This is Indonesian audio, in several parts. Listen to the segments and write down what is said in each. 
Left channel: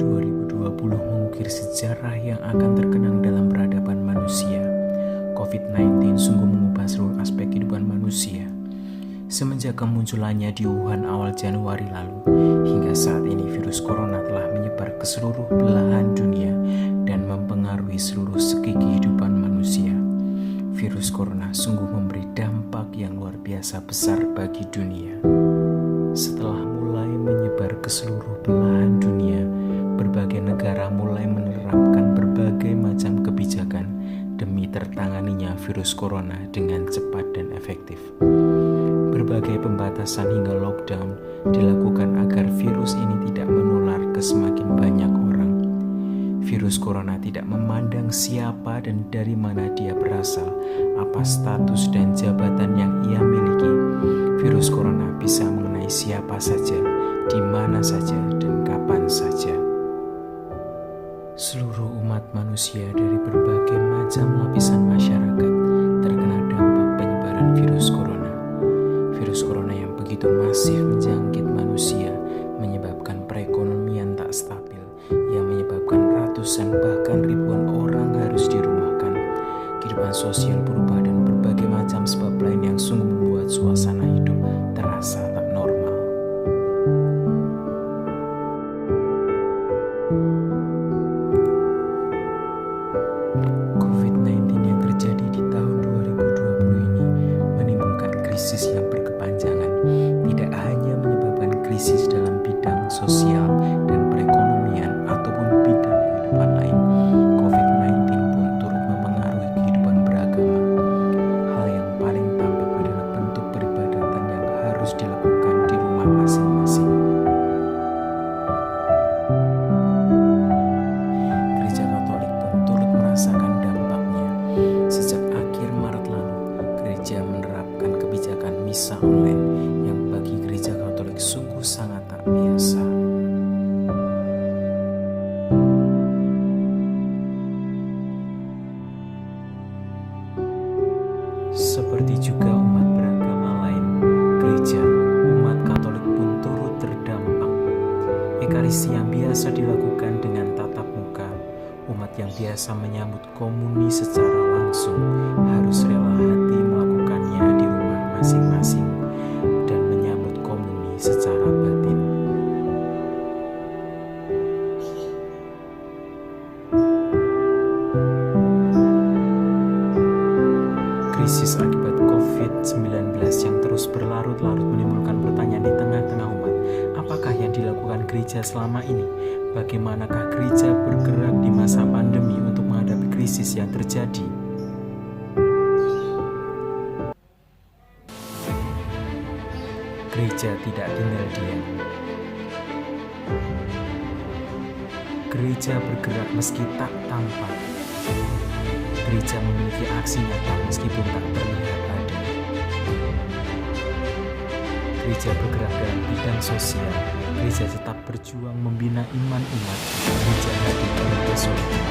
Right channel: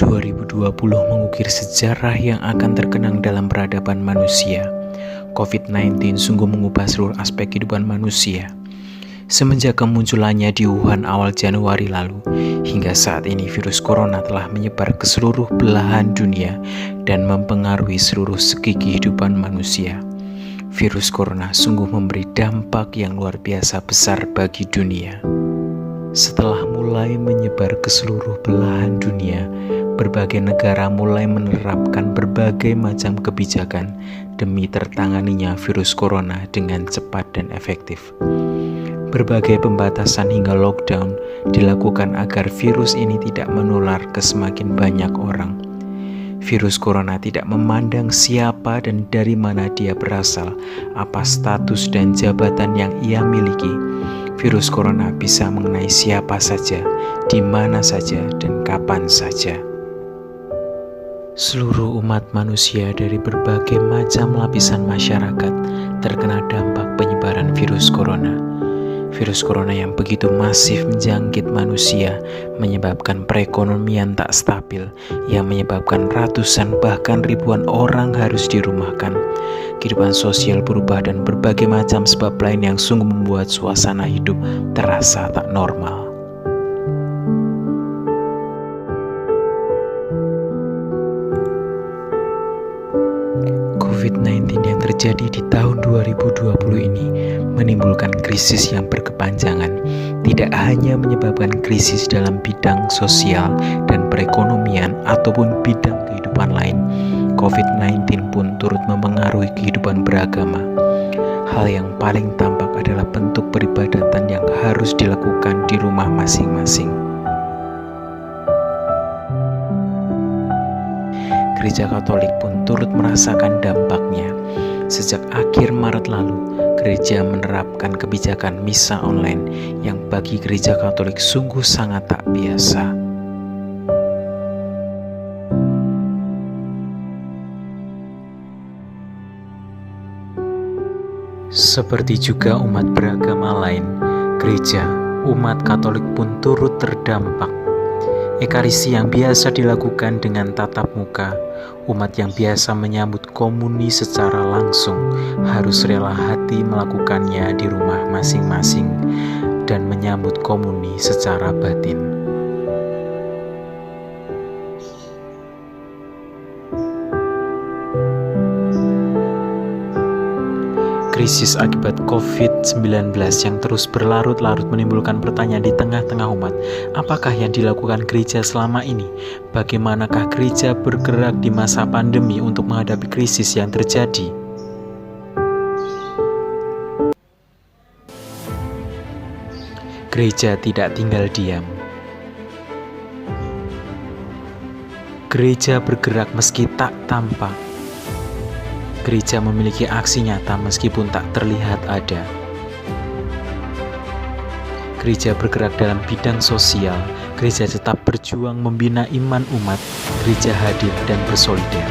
2020 mengukir sejarah yang akan terkenang dalam peradaban manusia. COVID-19 sungguh mengubah seluruh aspek kehidupan manusia. Semenjak kemunculannya di Wuhan awal Januari lalu, hingga saat ini virus corona telah menyebar ke seluruh belahan dunia dan mempengaruhi seluruh segi kehidupan manusia. Virus corona sungguh memberi dampak yang luar biasa besar bagi dunia. Setelah mulai menyebar ke seluruh belahan dunia, berbagai negara mulai menerapkan berbagai macam kebijakan demi tertanganinya virus corona dengan cepat dan efektif. Berbagai pembatasan hingga lockdown dilakukan agar virus ini tidak menular ke semakin banyak orang. Virus corona tidak memandang siapa dan dari mana dia berasal, apa status dan jabatan yang ia miliki. Virus corona bisa mengenai siapa saja, di mana saja, dan kapan saja. Seluruh umat manusia dari berbagai macam lapisan masyarakat terkena dampak penyebaran virus corona. Virus corona yang begitu masif menjangkit manusia menyebabkan perekonomian tak stabil, yang menyebabkan ratusan bahkan ribuan orang harus dirumahkan. Kehidupan sosial berubah dan berbagai macam sebab lain yang sungguh membuat suasana hidup terasa tak normal. COVID-19 yang terjadi di tahun 2020 ini menimbulkan krisis yang berkepanjangan, tidak hanya menyebabkan krisis dalam bidang sosial dan perekonomian ataupun bidang kehidupan lain. COVID-19 pun turut mempengaruhi kehidupan beragama. Hal yang paling tampak adalah bentuk peribadatan yang harus dilakukan di rumah masing-masing. Gereja Katolik pun turut merasakan dampaknya. Sejak akhir Maret lalu, gereja menerapkan kebijakan misa online yang bagi gereja Katolik sungguh sangat tak biasa. Seperti juga umat beragama lain, gereja, umat Katolik pun turut terdampak. Ekaristi yang biasa dilakukan dengan tatap muka, umat yang biasa menyambut komuni secara langsung harus rela hati melakukannya di rumah masing-masing dan menyambut komuni secara batin. Krisis akibat COVID-19 yang terus berlarut-larut menimbulkan pertanyaan di tengah-tengah umat. Apakah yang dilakukan gereja selama ini? Bagaimanakah gereja bergerak di masa pandemi untuk menghadapi krisis yang terjadi? Gereja tidak tinggal diam. Gereja bergerak meski tak tampak. Gereja memiliki aksi nyata meskipun tak terlihat ada. Gereja bergerak dalam bidang sosial. Gereja tetap berjuang membina iman umat. Gereja hadir dan bersolidar.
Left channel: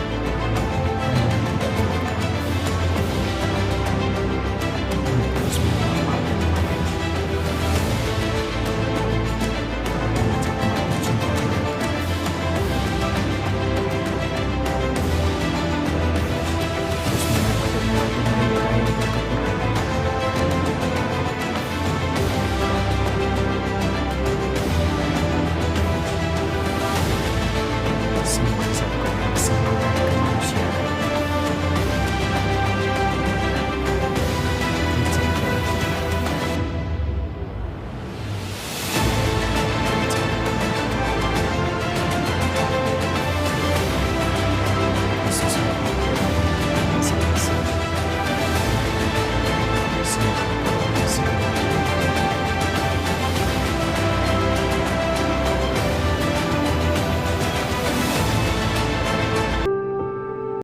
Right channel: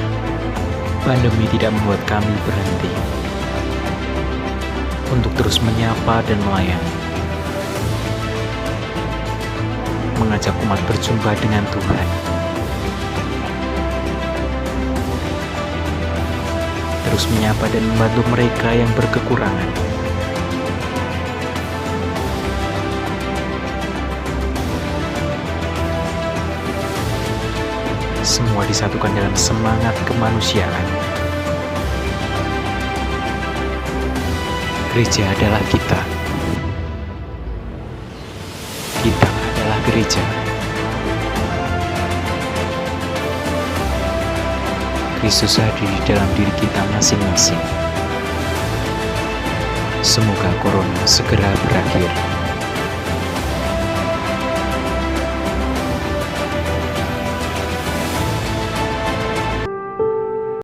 Pandemi tidak membuat kami berhenti untuk terus menyapa dan melayani, mengajak umat berjumpa dengan Tuhan, terus menyapa dan membantu mereka yang berkekurangan. Semua disatukan dalam semangat kemanusiaan. Gereja adalah kita. Kita adalah gereja. Kristus hadir dalam diri kita masing-masing. Semoga corona segera berakhir.